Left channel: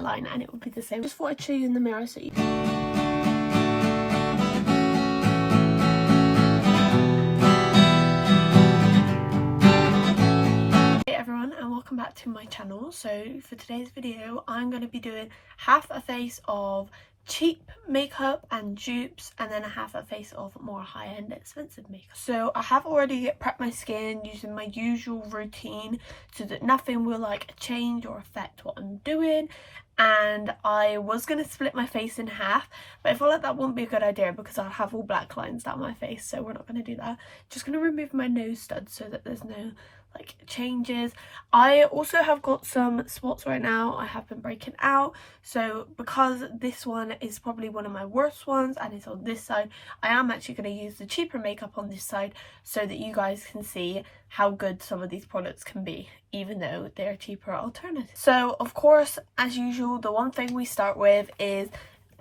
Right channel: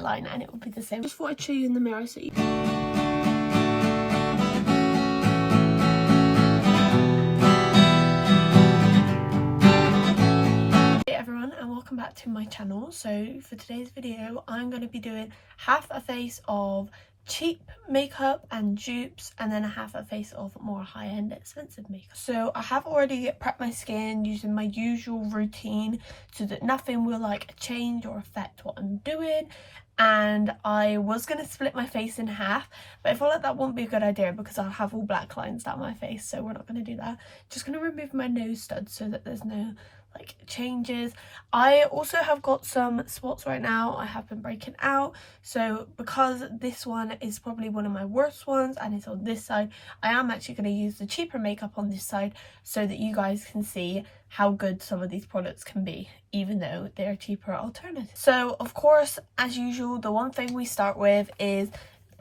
line and it would be the same. Just thought I'd show you in the mirror so you back to my channel. So for today's video I'm going to be doing half a face of cheap makeup and dupes and then half a face of more high-end expensive makeup. So I have already prepped my skin using my usual routine so that nothing will like change or affect what I'm doing, and I was going to split my face in half, but I feel like that won't be a good idea because I'll have all black lines down my face, so we're not going to do that. Just going to remove my nose studs so that there's no like changes. I also have got some spots right now. I have been breaking out, so because this one is probably one of my worst ones and it's on this side, I am actually going to use the cheaper makeup on this side so that you guys can see how good some of these products can be, even though they're cheaper alternatives. So of course, as usual, the one thing we start with is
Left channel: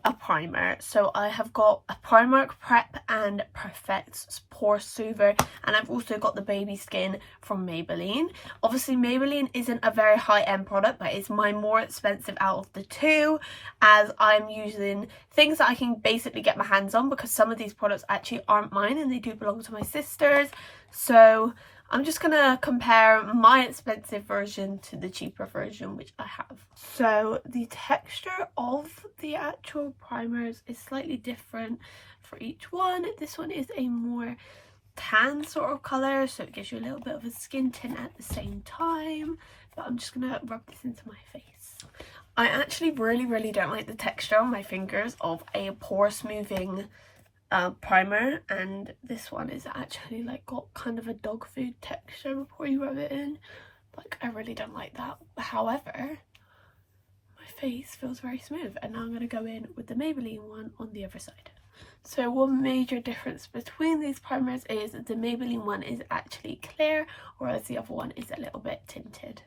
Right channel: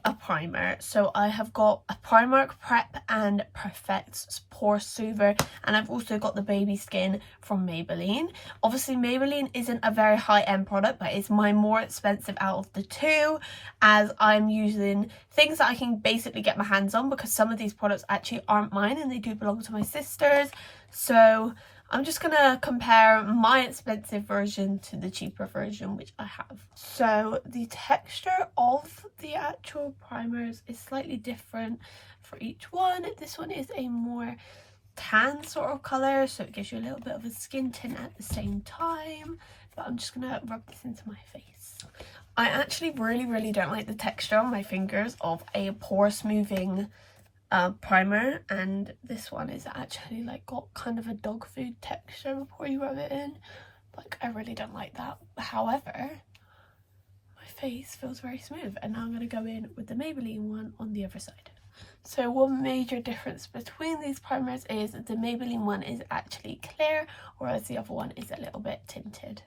a primer. So I have got a Primark Prep and Perfect Pore Soother, and I've also got the Baby Skin from Maybelline. Obviously Maybelline isn't a very high-end product, but it's my more expensive out of the two, as I'm using things that I can basically get my hands on because some of these products actually aren't mine and they do belong to my sisters. So I'm just gonna compare my expensive version to the cheaper version which I have. So the texture of the actual primers is slightly different for each one. This one is a more tan sort of colour, so it gives you a little bit of a skin tint at the same time. But I'm just gonna rub this into my face. I actually really don't like the texture on my fingers of a pore smoothing primer, and this one is actually like got kind of a dog food texture before you rub it in. Like, I really don't like that. However, my face feels very smooth, and now I'm going to go in with the Maybelline one on the other side. So one major difference between these primers is the Maybelline one is actually clear, whereas the other one is a little bit tinted.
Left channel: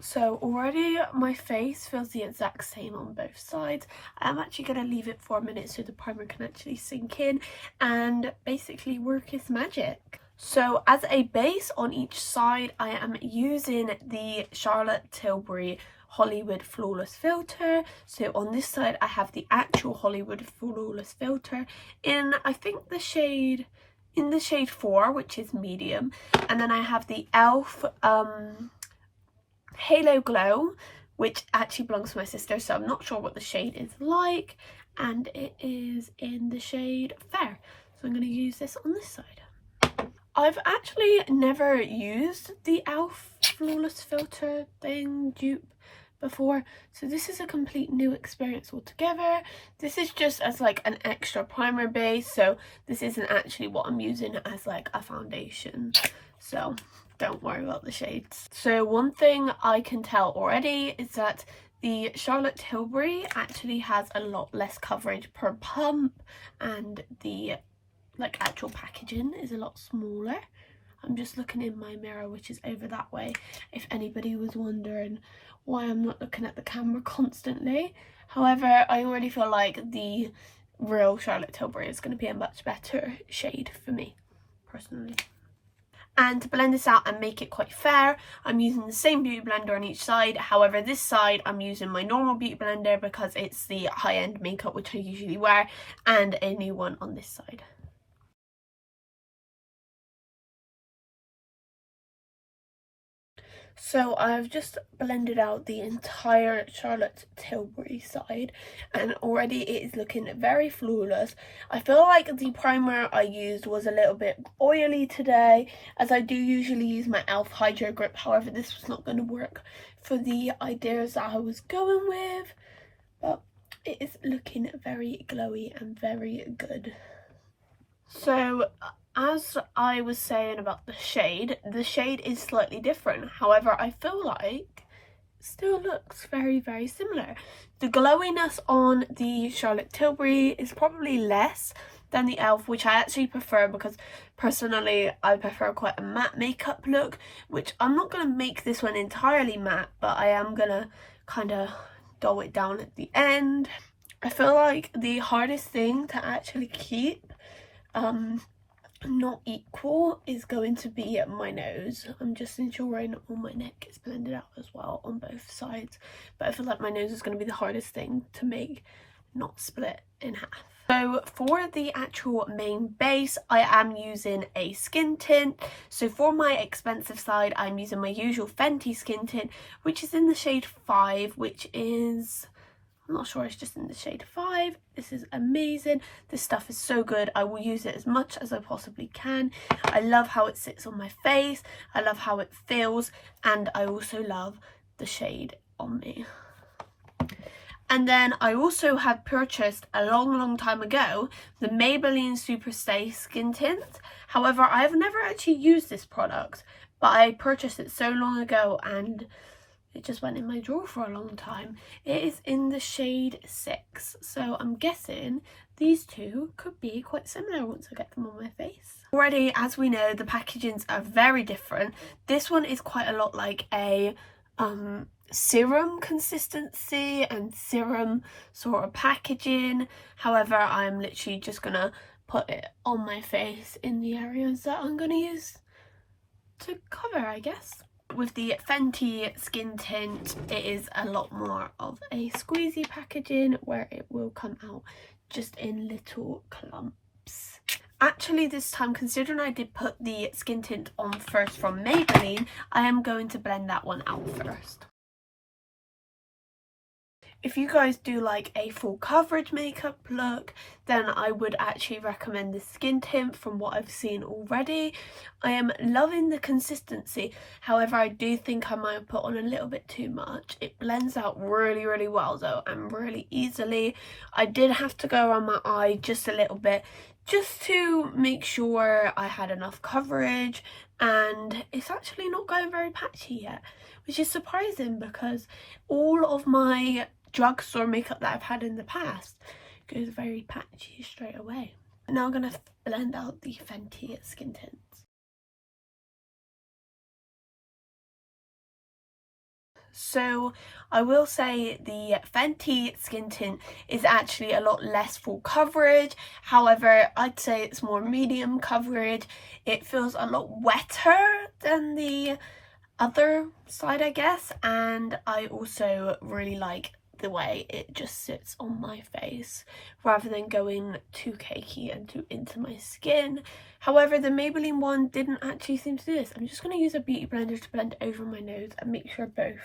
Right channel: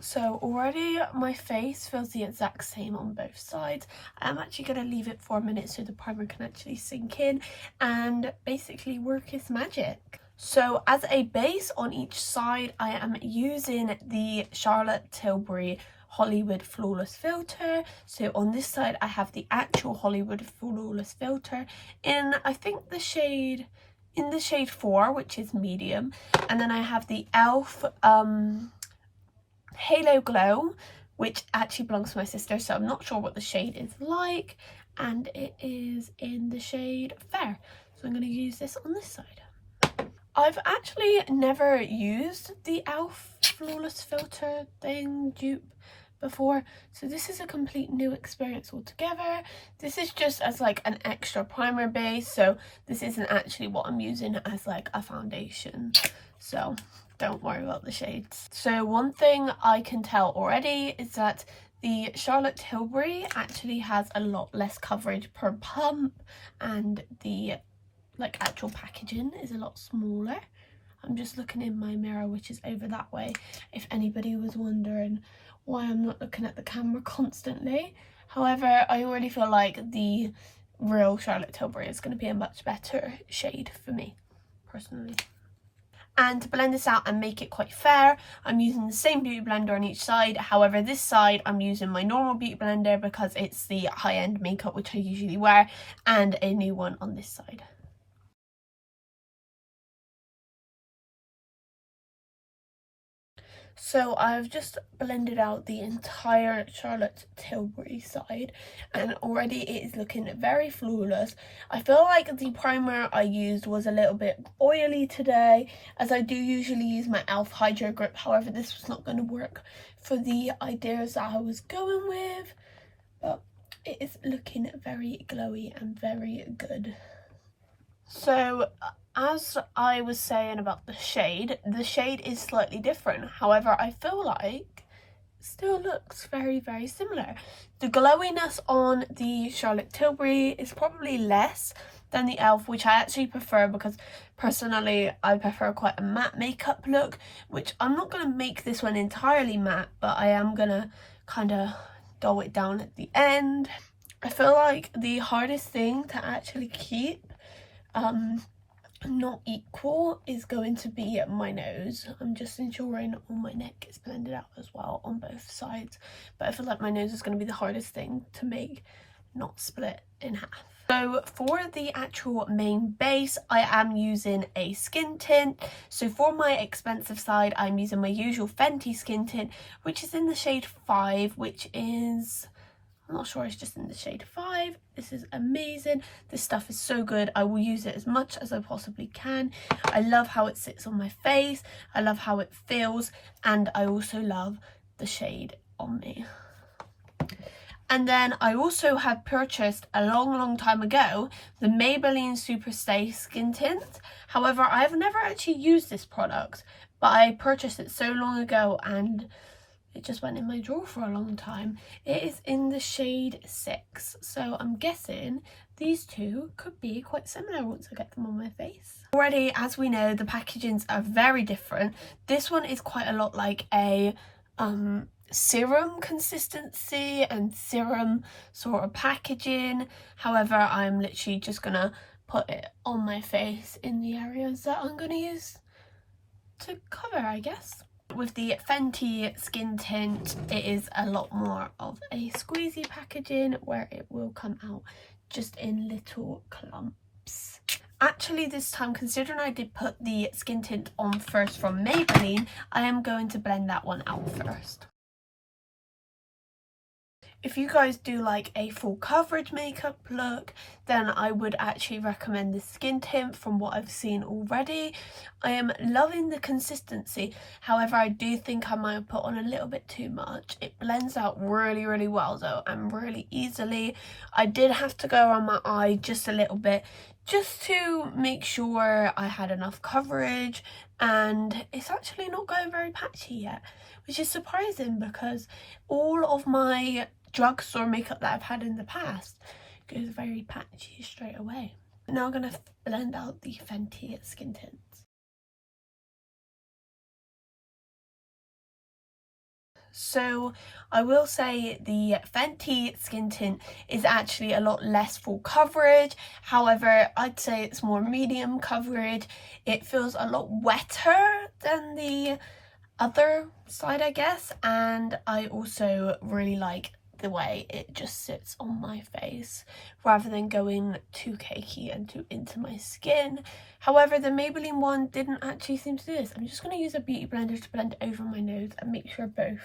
So already my face feels the exact same on both sides. I'm actually going to leave it for a minute so the primer can actually sink in and basically work its magic. So as a base on each side, I am using the Charlotte Tilbury Hollywood Flawless Filter. So on this side I have the actual Hollywood Flawless Filter in, I think, in the shade 4, which is medium, and then I have the e.l.f. Halo Glow, which actually belongs to my sister, so I'm not sure what the shade is like, and it is in the shade Fair. So I'm going to use this on this side. I've actually never used the e.l.f. Flawless Filter dupe before, so this is a complete new experience altogether. This is just as like an extra primer base, so this isn't actually what I'm using as like a foundation, so don't worry about the shades. So one thing I can tell already is that the Charlotte Tilbury actually has a lot less coverage per pump, and the like actual packaging is a lot smaller. I'm just looking in my mirror, which is over that way, if anybody was wondering why I'm not looking at the camera constantly. However, I already feel like the real Charlotte Tilbury is going to be a much better shade for me personally. And to blend this out and make it quite fair, I'm using the same beauty blender on each side. However, this side I'm using my normal beauty blender because it's the high-end makeup which I usually wear, and a new one on this side. So I've just blended out the entire Charlotte Tilbury side, and already it is looking very flawless. I feel like the primer I used was a little bit oily today, as I do usually use my e.l.f. Hydro Grip. However, this was not going to work for the ideas that I was going with, but it is looking very glowy and very good. So as I was saying about the shade is slightly different. However, I feel like it still looks very similar. The glowiness on the Charlotte Tilbury is probably less than the e.l.f., which I actually prefer because personally I prefer quite a matte makeup look, which I'm not going to make this one entirely matte, but I am going to kind of dull it down at the end. I feel like the hardest thing to actually keep not equal is going to be my nose. I'm just ensuring all my neck is blended out as well on both sides, but I feel like my nose is going to be the hardest thing to make not split in half. So for the actual main base, I am using a skin tint. So for my expensive side, I'm using my usual Fenty skin tint, which is in the shade 5, which is, I'm not sure, it's just in the shade 5. This is amazing. This stuff is so good. I will use it as much as I possibly can. I love how it sits on my face. I love how it feels. And I also love the shade on me. And then I also have purchased a long time ago the Maybelline Superstay Skin Tint. However, I have never actually used this product, but I purchased it so long ago and it just went in my drawer for a long time. It is in the shade 6, so I'm guessing these two could be quite similar once I get them on my face. Already, as we know, the packagings are very different. This one is quite a lot like a serum consistency and serum sort of packaging. However, I'm literally just gonna put it on my face in the areas that I'm gonna use to cover, I guess. With the Fenty skin tint, it is a lot more of a squeezy packaging where it will come out just in little clumps. Actually, this time, considering I did put the skin tint on first from Maybelline, I am going to blend that one out first. If you guys do like a full coverage makeup look, then I would actually recommend the skin tint from what I've seen already. I am loving the consistency. However, I do think I might have put on a little bit too much. It blends out really well though, and really easily. I did have to go around my eye just a little bit just to make sure I had enough coverage, and it's actually not going very patchy yet, which is surprising because all of my drugstore makeup that I've had in the past goes very patchy straight away. Now I'm going to blend out the Fenty skin tints. So I will say the Fenty skin tint is actually a lot less full coverage. However, I'd say it's more medium coverage. It feels a lot wetter than the other side, I guess, and I also really like the way it just sits on my face rather than going too cakey and too into my skin. However, the Maybelline one didn't actually seem to do this. I'm just going to use a beauty blender to blend over my nose and make sure both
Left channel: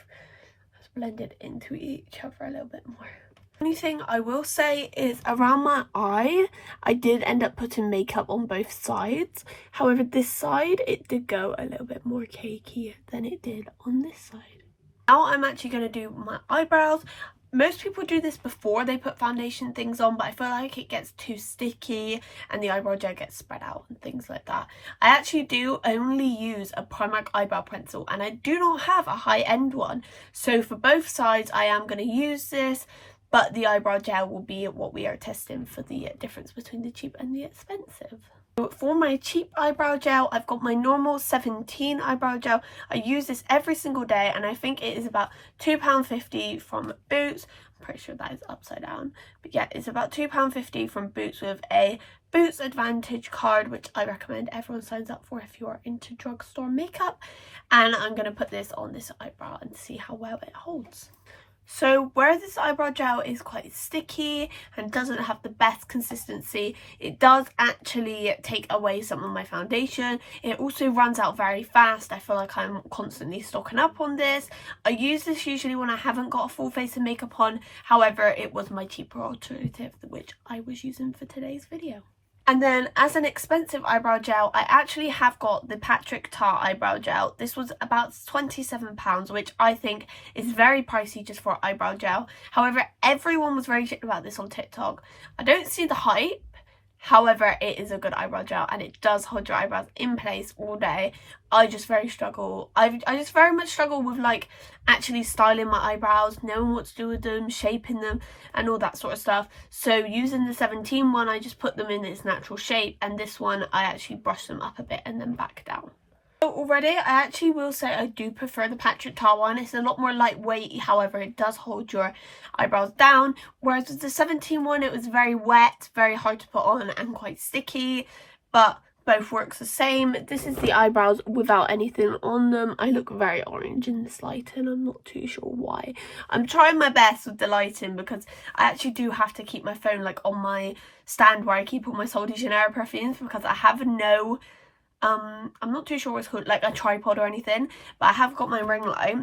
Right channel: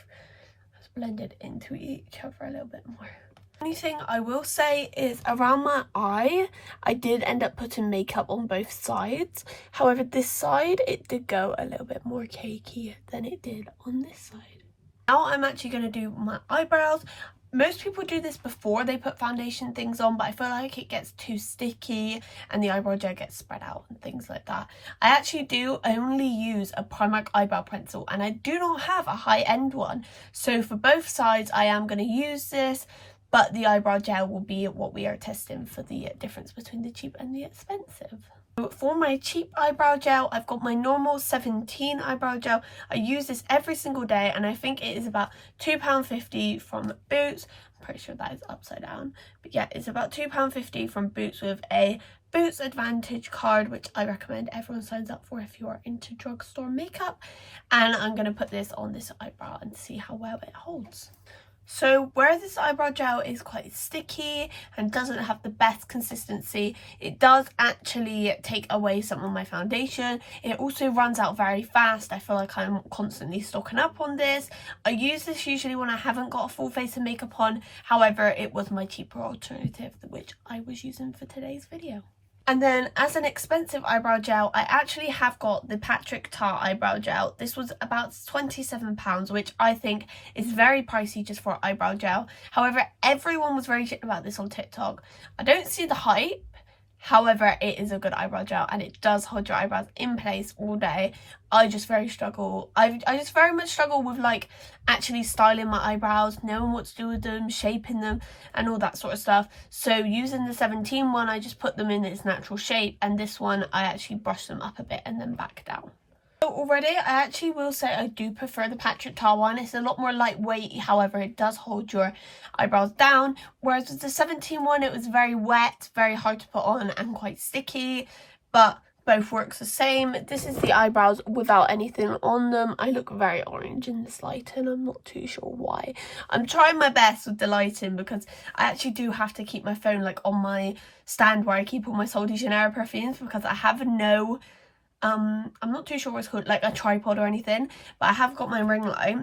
is blended into each other a little bit more. The only thing I will say is around my eye, I did end up putting makeup on both sides. However, this side, it did go a little bit more cakey than it did on this side. Now I'm actually going to do my eyebrows. Most people do this before they put foundation things on, but I feel like it gets too sticky and the eyebrow gel gets spread out and things like that. I actually do only use a Primark eyebrow pencil, and I do not have a high-end one. So for both sides, I am going to use this, but the eyebrow gel will be what we are testing for the difference between the cheap and the expensive. For my cheap eyebrow gel, I've got my normal 17 eyebrow gel. I use this every single day, and I think it is about £2.50 from Boots. I'm pretty sure that is upside down. But yeah, it's about £2.50 from Boots with a Boots Advantage card, which I recommend everyone signs up for if you are into drugstore makeup. And I'm going to put this on this eyebrow and see how well it holds. So where this eyebrow gel is quite sticky and doesn't have the best consistency, it does actually take away some of my foundation. It also runs out very fast. I feel like I'm constantly stocking up on this. I use this usually when I haven't got a full face of makeup on. However, it was my cheaper alternative, which I was using for today's video. And then as an expensive eyebrow gel, I actually have got the Patrick Ta eyebrow gel. This was about £27, which I think is very pricey just for eyebrow gel. However, everyone was very shit about this on TikTok. I don't see the hype. However, it is a good eyebrow gel and it does hold your eyebrows in place all day. I just very struggle. I just very much struggle with like actually styling my eyebrows, knowing what to do with them, shaping them and all that sort of stuff. So using the 17 one, I just put them in its natural shape, and this one I actually brush them up a bit and then back down. Already, I actually will say I do prefer the Patrick Ta one. It's a lot more lightweight, however it does hold your eyebrows down, whereas with the 17 one it was very wet, very hard to put on and quite sticky, but both works the same. This is the eyebrows without anything on them. I look very orange in this lighting. I'm not too sure why. I'm trying my best with the lighting because I actually do have to keep my phone like on my stand where I keep all my Sol de Janeiro perfumes, because I have no I'm not too sure what it's called, like a tripod or anything, but I have got my ring light.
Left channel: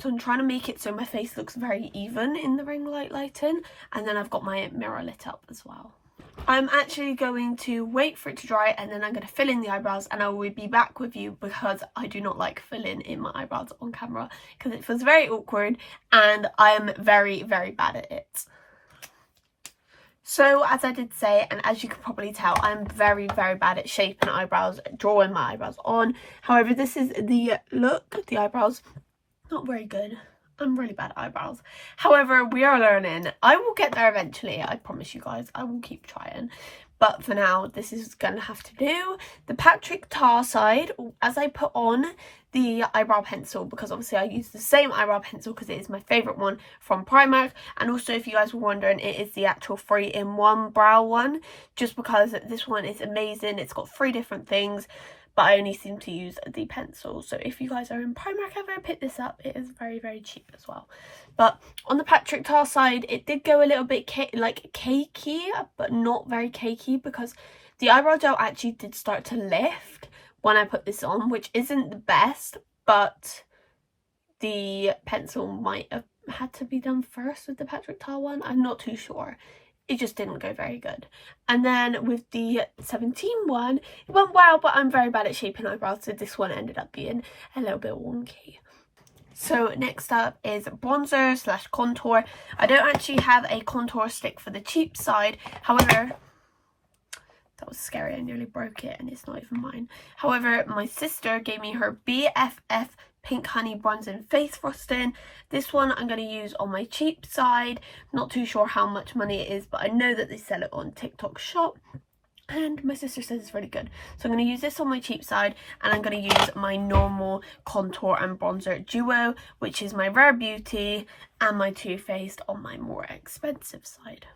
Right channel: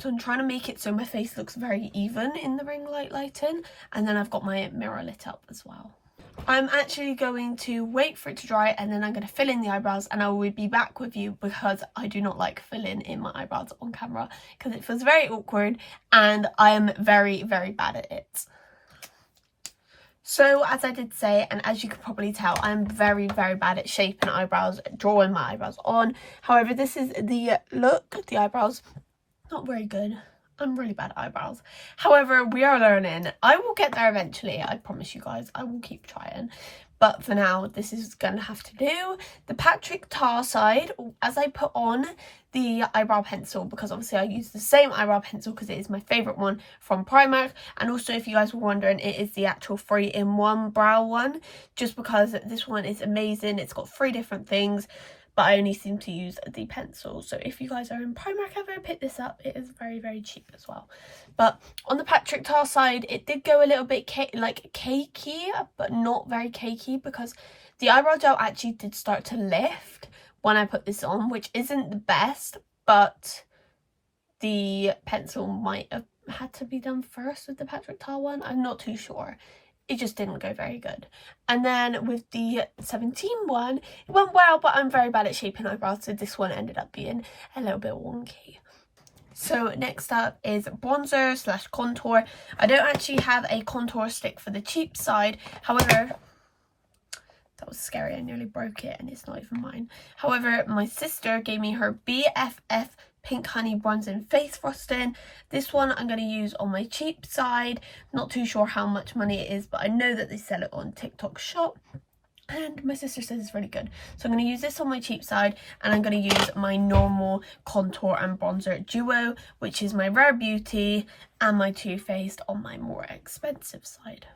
So I'm trying to make it so my face looks very even in the ring light lighting, and then I've got my mirror lit up as well. I'm actually going to wait for it to dry, and then I'm going to fill in the eyebrows, and I will be back with you because I do not like filling in my eyebrows on camera because it feels very awkward and I am very, very bad at it. So as I did say, and as you can probably tell, I'm very, very bad at shaping eyebrows, drawing my eyebrows on. However, this is the look. The eyebrows, not very good. I'm really bad at eyebrows. However, we are learning. I will get there eventually. I promise you guys, I will keep trying. But for now, this is going to have to do. The Patrick Tar side, as I put on the eyebrow pencil, because obviously I use the same eyebrow pencil because it is my favourite one from Primark. And also, if you guys were wondering, it is the actual 3-in-1 brow one, just because this one is amazing. It's got 3 different things, but I only seem to use the pencil. So if you guys are in Primark ever, pick this up. It is very, very cheap as well. But on the Patrick Tar side, it did go a little bit cakey, but not very cakey, because the eyebrow gel actually did start to lift when I put this on, which isn't the best, but the pencil might have had to be done first with the Patrick Tar one. I'm not too sure. It just didn't go very good. And then with the 17 one, it went well, but I'm very bad at shaping eyebrows, so this one ended up being a little bit wonky. So next up is bronzer / contour. I don't actually have a contour stick for the cheap side. However, that was scary. I nearly broke it and it's not even mine. However, my sister gave me her BFF Pink Honey Bronzing Face Frosting. This one I'm going to use on my cheap side. Not too sure how much money it is, but I know that they sell it on TikTok shop. And my sister says it's really good. So I'm going to use this on my cheap side, and I'm going to use my normal contour and bronzer duo, which is my Rare Beauty and my Too Faced on my more expensive side.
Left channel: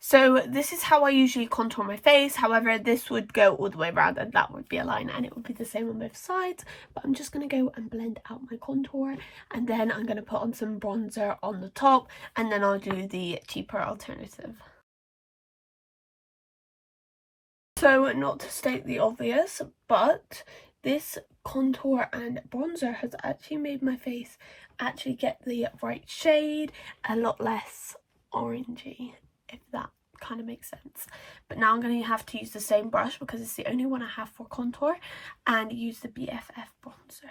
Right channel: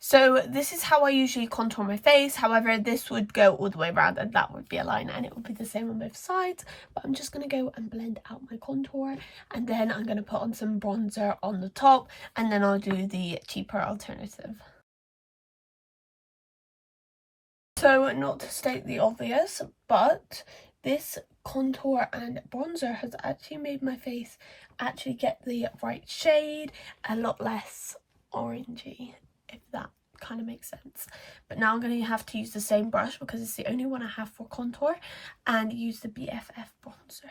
So this is how I usually contour my face. However, this would go all the way around and that would be a line, and it would be the same on both sides. But I'm just going to go and blend out my contour, and then I'm going to put on some bronzer on the top, and then I'll do the cheaper alternative. So not to state the obvious, but this contour and bronzer has actually made my face actually get the right shade, a lot less orangey, if that kind of makes sense. But now I'm going to have to use the same brush because it's the only one I have for contour, and use the BFF bronzer.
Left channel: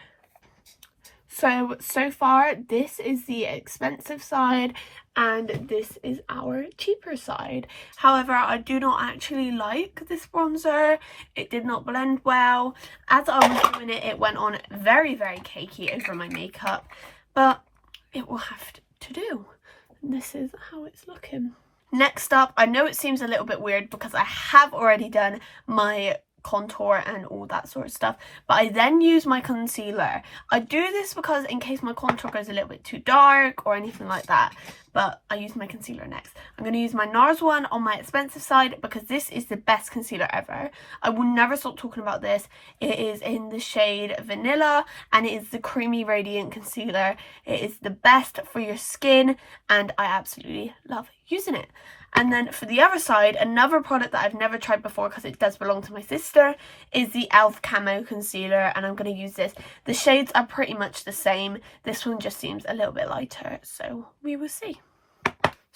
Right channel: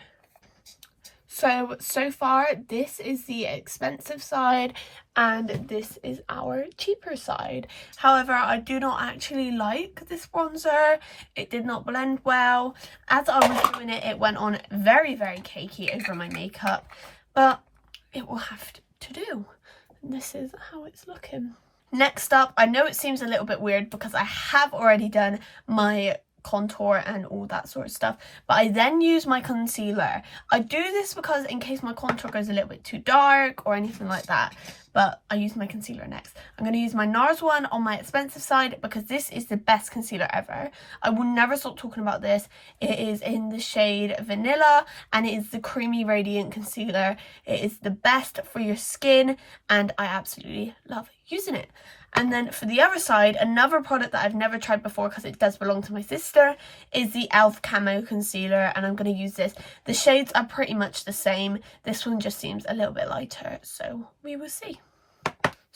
So far this is the expensive side and this is our cheaper side. However, I do not actually like this bronzer. It did not blend well. As I was doing it, it went on very, very cakey over my makeup, but it will have to do. And this is how it's looking. Next up, I know it seems a little bit weird because I have already done my contour and all that sort of stuff, but I then use my concealer. I do this because in case my contour goes a little bit too dark or anything like that, but I use my concealer next. I'm going to use my NARS one on my expensive side because this is the best concealer ever. I will never stop talking about this. It is in the shade Vanilla and it is the creamy radiant concealer. It is the best for your skin and I absolutely love using it. And then for the other side, another product that I've never tried before because it does belong to my sister is the e.l.f. Camo Concealer, and I'm going to use this. The shades are pretty much the same. This one just seems a little bit lighter, so we will see.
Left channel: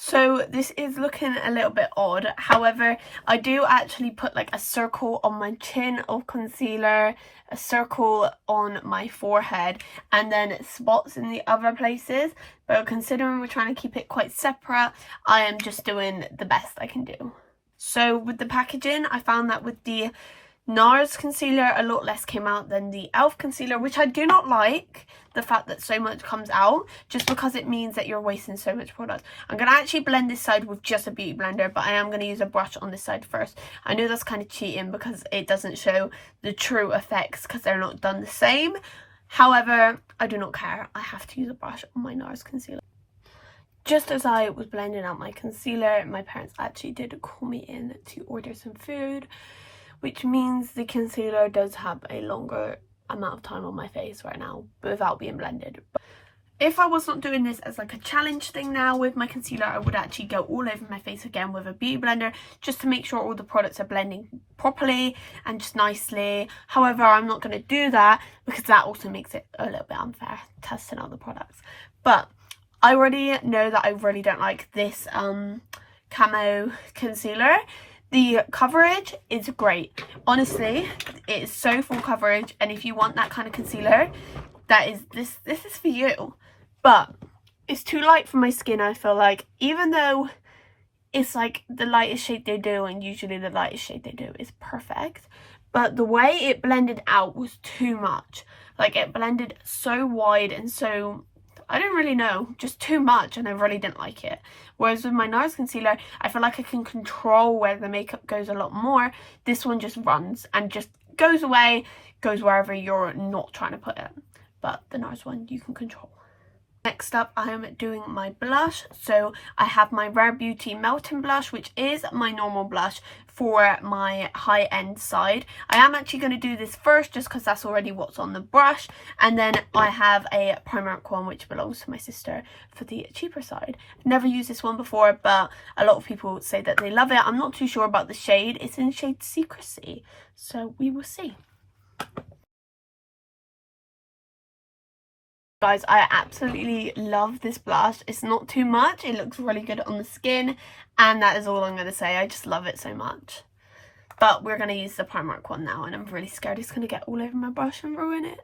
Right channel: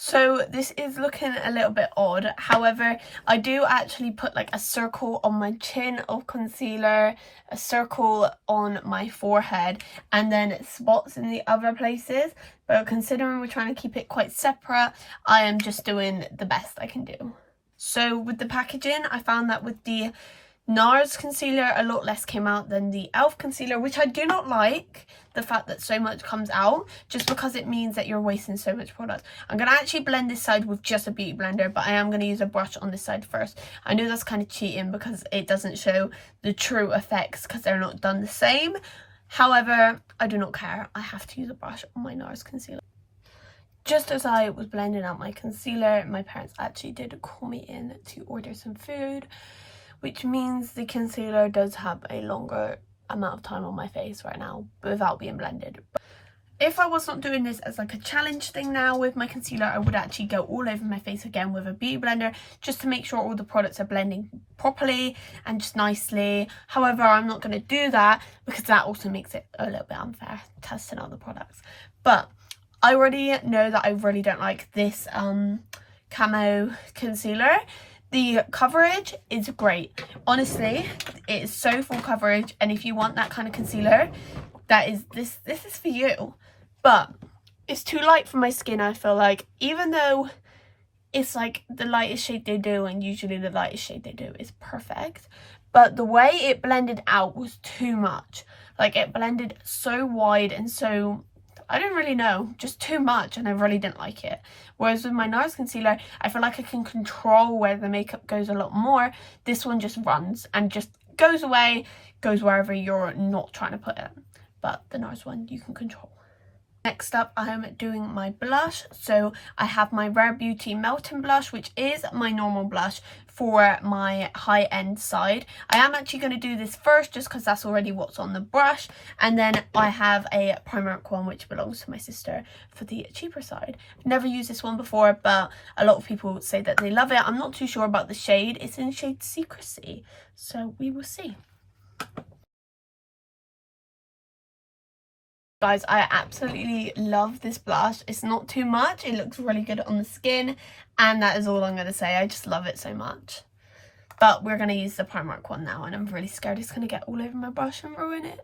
So this is looking a little bit odd. However, I do actually put like a circle on my chin of concealer, a circle on my forehead, and then spots in the other places. But considering we're trying to keep it quite separate, I am just doing the best I can do. So with the packaging, I found that with the NARS concealer, a lot less came out than the e.l.f. concealer, which I do not like, the fact that so much comes out, just because it means that you're wasting so much product. I'm going to actually blend this side with just a beauty blender, but I am going to use a brush on this side first. I know that's kind of cheating because it doesn't show the true effects because they're not done the same. However, I do not care. I have to use a brush on my NARS concealer. Just as I was blending out my concealer, my parents actually did call me in to order some food. which means the concealer does have a longer amount of time on my face right now without being blended. If I was not doing this as like a challenge thing now with my concealer, I would actually go all over my face again with a beauty blender just to make sure all the products are blending properly and just nicely. However, I'm not going to do that because that also makes it a little bit unfair testing other products. But I already know that I really don't like this camo concealer. The coverage is great. Honestly, it is so full coverage, and if you want that kind of concealer, that is this is for you. But it's too light for my skin, I feel like, even though it's like the lightest shade they do, and usually the lightest shade they do is perfect, but the way it blended out was too much. Like, it blended so wide and so, I don't really know, just too much, and I really didn't like it. Whereas with my NARS concealer, I feel like I can control where the makeup goes a lot more. This one just runs and just goes away, goes wherever you're not trying to put it. But the NARS one you can control. Next up, I am doing my blush. So I have my Rare Beauty Melting Blush, which is my normal blush for my high-end side. I am actually going to do this first just because that's already what's on the brush. And then I have a Primark one, which belongs to my sister, for the cheaper side. I've never used this one before, but a lot of people say that they love it. I'm not too sure about the shade. It's in shade Secrecy, so we will see. Guys, I absolutely love this blush. It's not too much. It looks really good on the skin, and that is all I'm going to say. I just love it so much. But we're going to use the Primark one now, and I'm really scared it's going to get all over my brush and ruin it.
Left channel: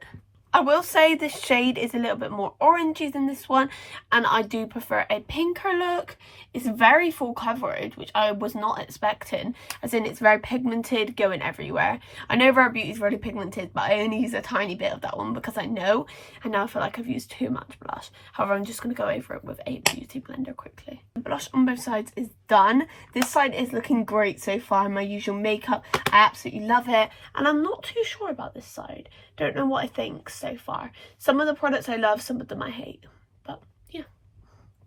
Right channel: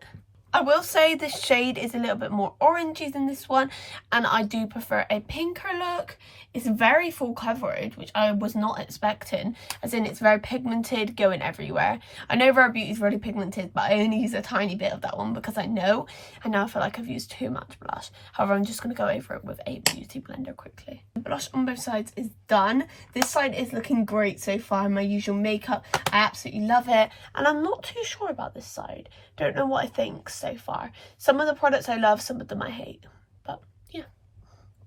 I will say this shade is a little bit more orangey than this one, and I do prefer a pinker look. It's very full coverage, which I was not expecting, as in it's very pigmented, going everywhere. I know Rare Beauty is really pigmented, but I only use a tiny bit of that one because I know, and now I feel like I've used too much blush. However, I'm just going to go over it with a beauty blender quickly. The blush on both sides is done. This side is looking great so far. My usual makeup, I absolutely love it, and I'm not too sure about this side. Don't know what I think so far. Some of the products I love, some of them I hate, but yeah.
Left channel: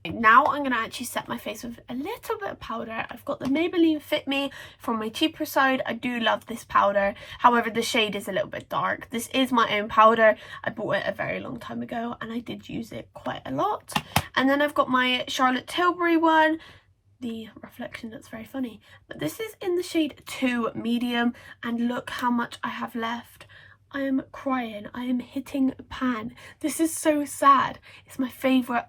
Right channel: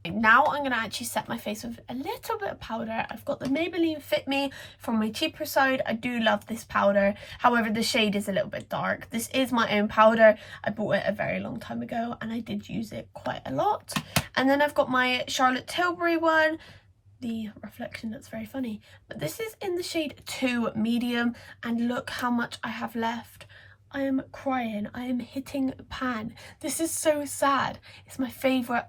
Now I'm going to actually set my face with a little bit of powder. I've got the Maybelline Fit Me from my cheaper side. I do love this powder. However, the shade is a little bit dark. This is my own powder. I bought it a very long time ago, and I did use it quite a lot. And then I've got my Charlotte Tilbury one. The reflection, that's very funny. But this is in the shade 2 Medium, and look how much I have left. I am crying. I am hitting pan. This is so sad. It's my favorite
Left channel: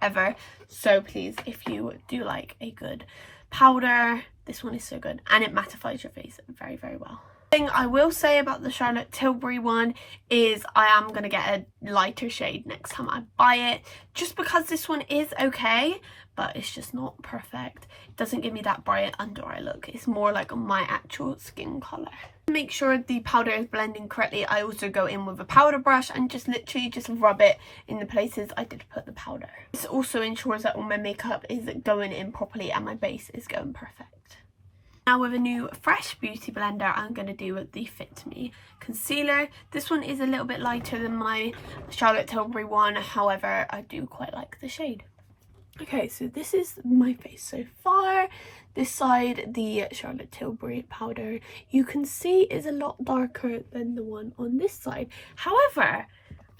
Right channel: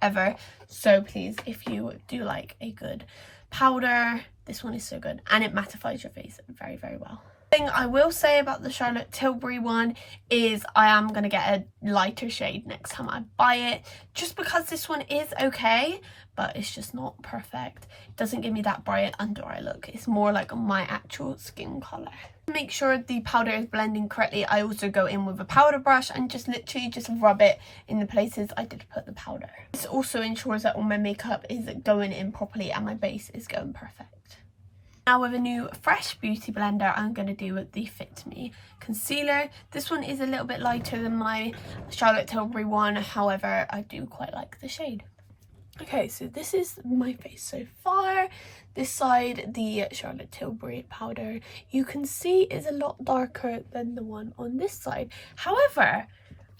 ever. So please, if you do like a good powder, this one is so good, and it mattifies your face very, very well. The thing I will say about the Charlotte Tilbury one is I am going to get a lighter shade next time I buy it, just because this one is okay, but it's just not perfect. It doesn't give me that bright under eye look. It's more like my actual skin colour. To make sure the powder is blending correctly, I also go in with a powder brush and just literally just rub it in the places I did put the powder. This also ensures that all my makeup is going in properly and my base is going perfect. Now with a new fresh beauty blender, I'm going to do the Fit Me concealer. This one is a little bit lighter than my Charlotte Tilbury one, however I do quite like the shade. Okay, so this is my face so far. This side, the Charlotte Tilbury powder, you can see is a lot darker than the one on this side. However,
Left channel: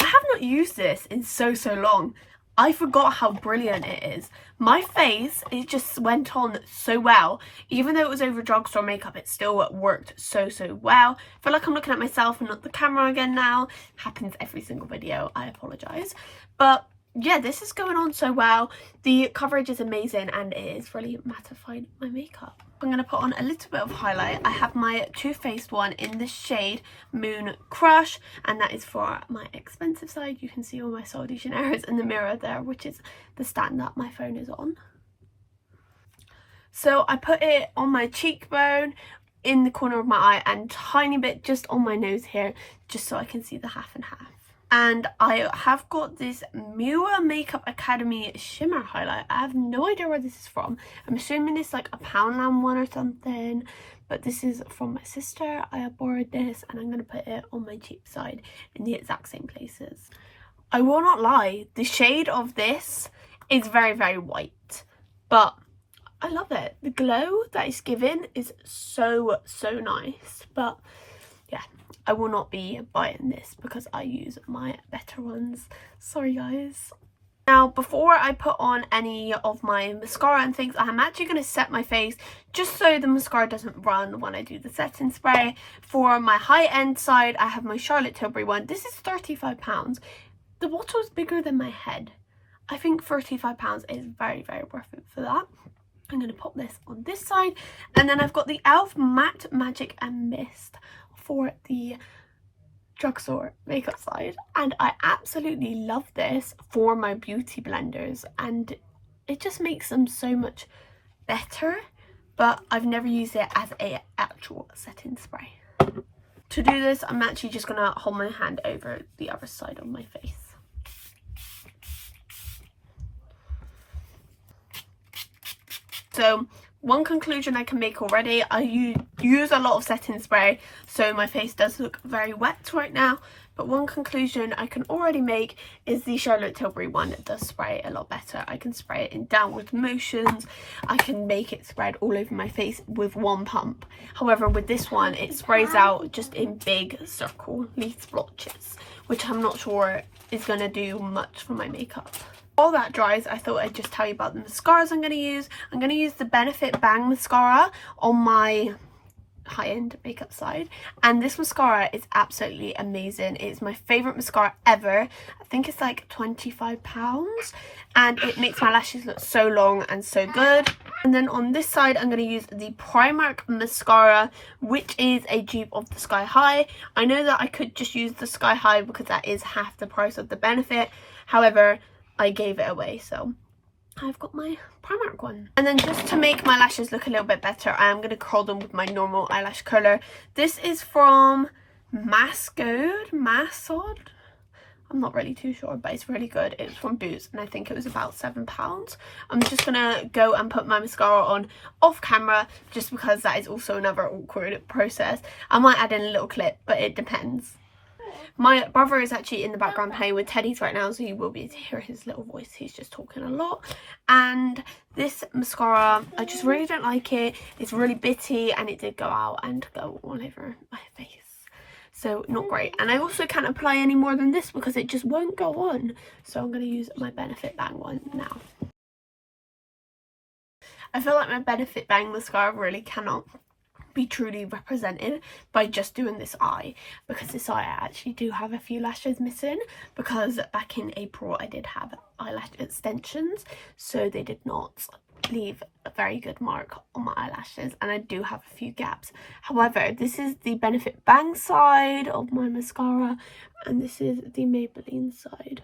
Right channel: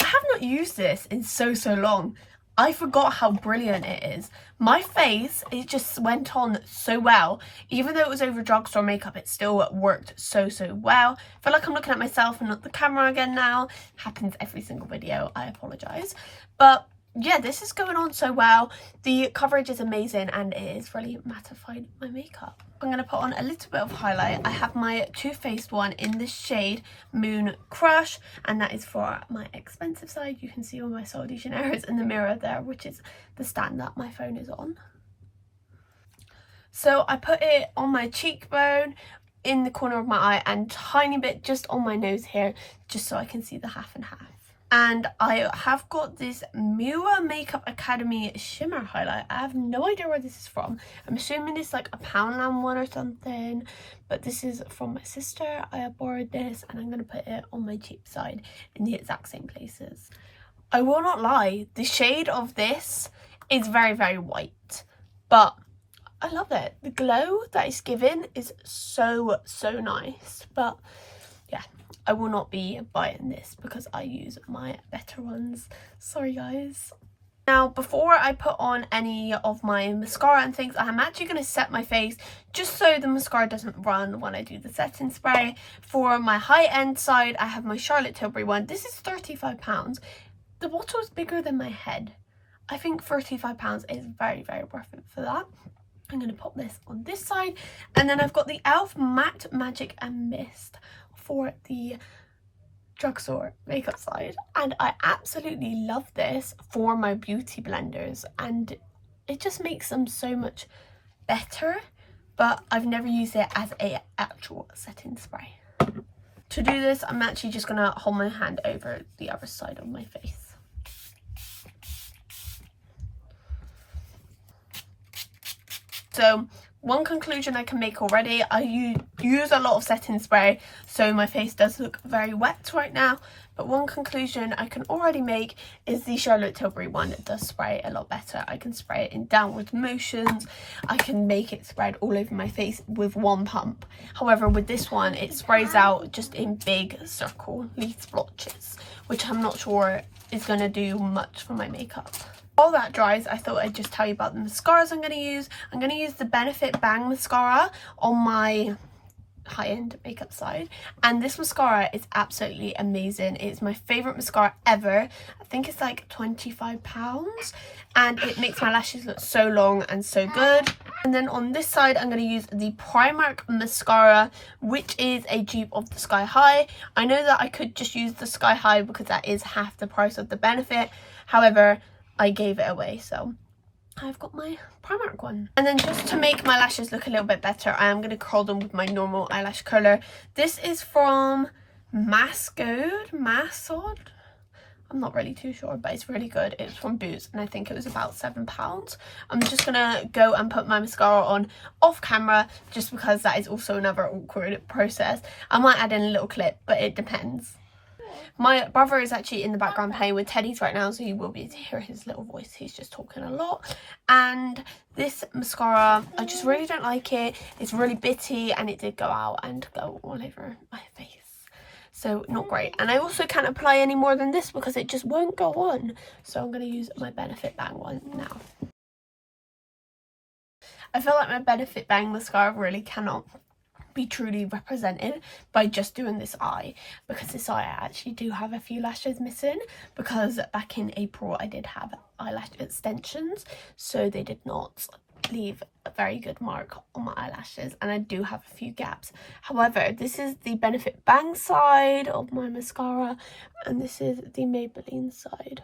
I have not used this in so long. I forgot how brilliant it is. My face, it just went on so well. Even though it was over drugstore makeup, it still worked so well. I feel like I'm looking at myself and not the camera again now. Happens every single video, I apologise. But yeah, this is going on so well. The coverage is amazing, and it is really mattifying my makeup. I'm going to put on a little bit of highlight. I have my Too Faced one in the shade Moon Crush, and that is for my expensive side. You can see all my Sol de Janeiro's in the mirror there, which is the stand that my phone is on. So I put it on my cheekbone, in the corner of my eye, and tiny bit just on my nose here, just so I can see the half and half. And I have got this Miwa Makeup Academy shimmer highlight. I have no idea where this is from. I'm assuming it's like a Poundland one or something, but this is from my sister. I have borrowed this, and I'm going to put it on my cheek side in the exact same places. I will not lie, the shade of this is very white, but I love it. The glow that it's given is so nice. But yeah, I will not be buying this because I use my better ones. Sorry guys. Now, before I put on any of my mascara and things, I'm actually going to set my face just so the mascara doesn't run when I do the setting spray. For my high-end side, I have my Charlotte Tilbury one. This is £35. The bottle is bigger than my head. I think £35 is very worth it for that. I'm going to pop this on this side. And then I've got the e.l.f. Matte Magic and Mist for the drugstore makeup side, and I absolutely love this for my beauty blenders, and it just makes them so much better, but I've never used it as a actual setting spray. To do this, I'm actually just gonna hold my hand over the other side of my face. So one conclusion I can make already, I use a lot of setting spray, so my face does look very wet right now. But one conclusion I can already make is the Charlotte Tilbury one. It does spray a lot better. I can spray it in downward motions. I can make it spread all over my face with one pump. However, with this one, it sprays out just in big circle leaf splotches, which I'm not sure is going to do much for my makeup. While that dries, I thought I'd just tell you about the mascaras I'm going to use. I'm going to use the Benefit Bang mascara on my high-end makeup side, and this mascara is absolutely amazing. It's my favourite mascara ever. I think it's like £25, and it makes my lashes look so long and so good. And then on this side, I'm going to use the Primark mascara, which is a dupe of the Sky High. I know that I could just use the Sky High because that is half the price of the Benefit. However, I gave it away, so I've got my Primark one. And then just to make my lashes look a little bit better, I am going to curl them with my normal eyelash curler. This is from Masod. I'm not really too sure, but it's really good. It's from Boots, and I think it was about £7. I'm just going to go and put my mascara on off camera, just because that is also another awkward process. I might add in a little clip, but it depends. My brother is actually in the background playing with teddies right now, so you will be able to hear his little voice. He's just talking a lot. And this mascara, I just really don't like it. It's really bitty, and it did go out and go all over my face. So not great. And I also can't apply any more than this because it just won't go on. So I'm going to use my Benefit Bang one now. I feel like my Benefit Bang mascara really cannot be truly represented by just doing this eye, because this eye I actually do have a few lashes missing, because back in April I did have eyelash extensions, so they did not leave a very good mark on my eyelashes, and I do have a few gaps. However, this is the Benefit Bang side of my mascara, and this is the Maybelline side.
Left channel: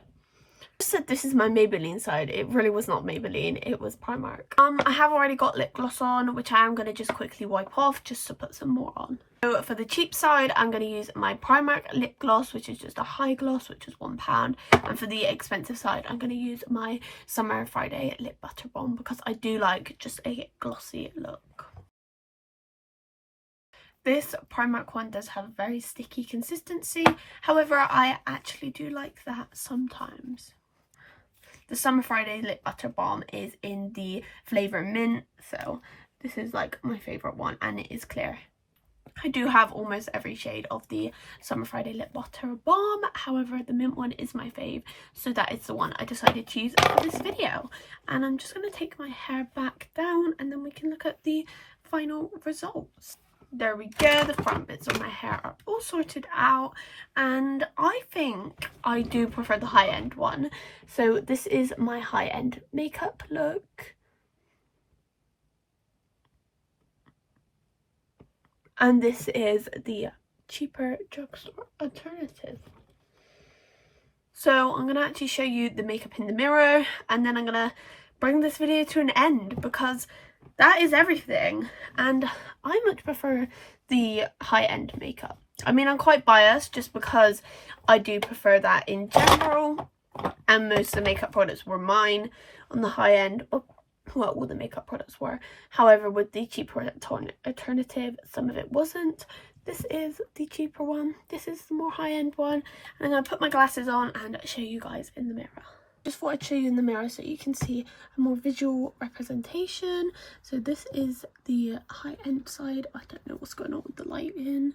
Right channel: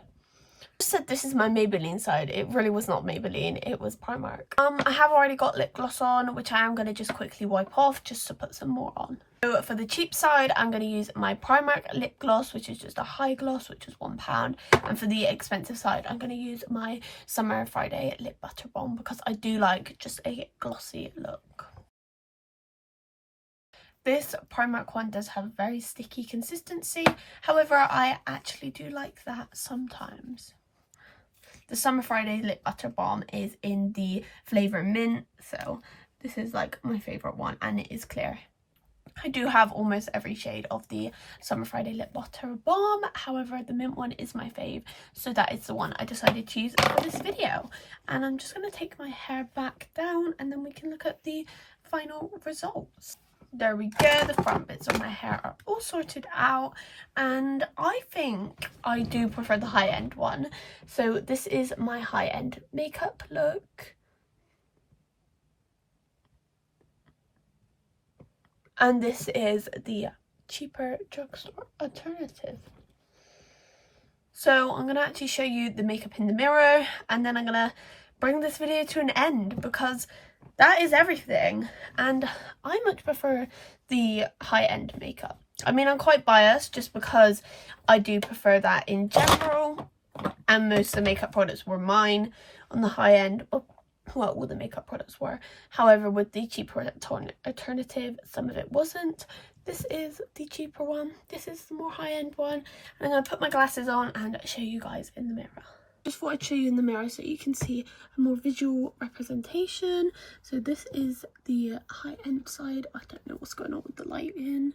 Said this is my Maybelline side. It really was not Maybelline, it was Primark. I have already got lip gloss on, which I am going to just quickly wipe off just to put some more on. So for the cheap side, I'm going to use my Primark lip gloss, which is just a high gloss, which is £1. And for the expensive side, I'm going to use my Summer Friday lip butter balm, because I do like just a glossy look. This Primark one does have a very sticky consistency. However, I actually do like that sometimes. The Summer Friday Lip Butter Balm is in the flavour mint, so this is like my favourite one, and it is clear. I do have almost every shade of the Summer Friday Lip Butter Balm, however the mint one is my fave, so that is the one I decided to use for this video. And I'm just going to take my hair back down, and then we can look at the final results. There we go, the front bits of my hair are all sorted out, and I think I do prefer the high-end one. So this is my high-end makeup look. And this is the cheaper drugstore alternative. So I'm going to actually show you the makeup in the mirror, and then I'm going to bring this video to an end, because that is everything, and I much prefer the high-end makeup. I mean, I'm quite biased just because I do prefer that in general, and most of the makeup products were mine on the high end. Well, all the makeup products were. However, with the cheaper alternative, some of it wasn't. This is the cheaper one. This is the more high-end one. And I'm going to put my glasses on and show you guys in the mirror. just thought I'd show you in the mirror so you can see a more visual representation. So this is the high-end side. I don't know what's going on with the lighting.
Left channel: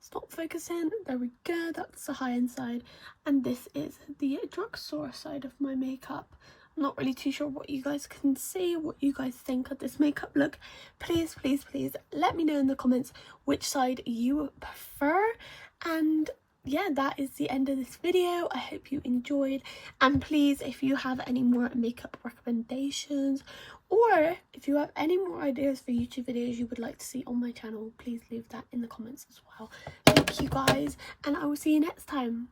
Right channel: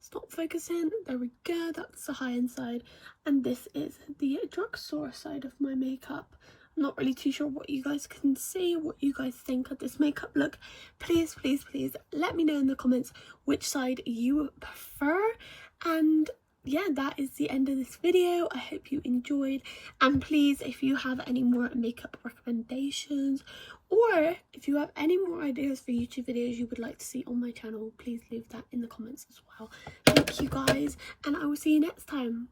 It's not focusing. There we go. That's the high-end side. And this is the drugstore side of my makeup. I'm not really too sure what you guys can see, what you guys think of this makeup look. Please, please, please let me know in the comments which side you prefer. And yeah, that is the end of this video. I hope you enjoyed, and please, if you have any more makeup recommendations, or if you have any more ideas for YouTube videos you would like to see on my channel, please leave that in the comments as well. Thank you guys, and I will see you next time.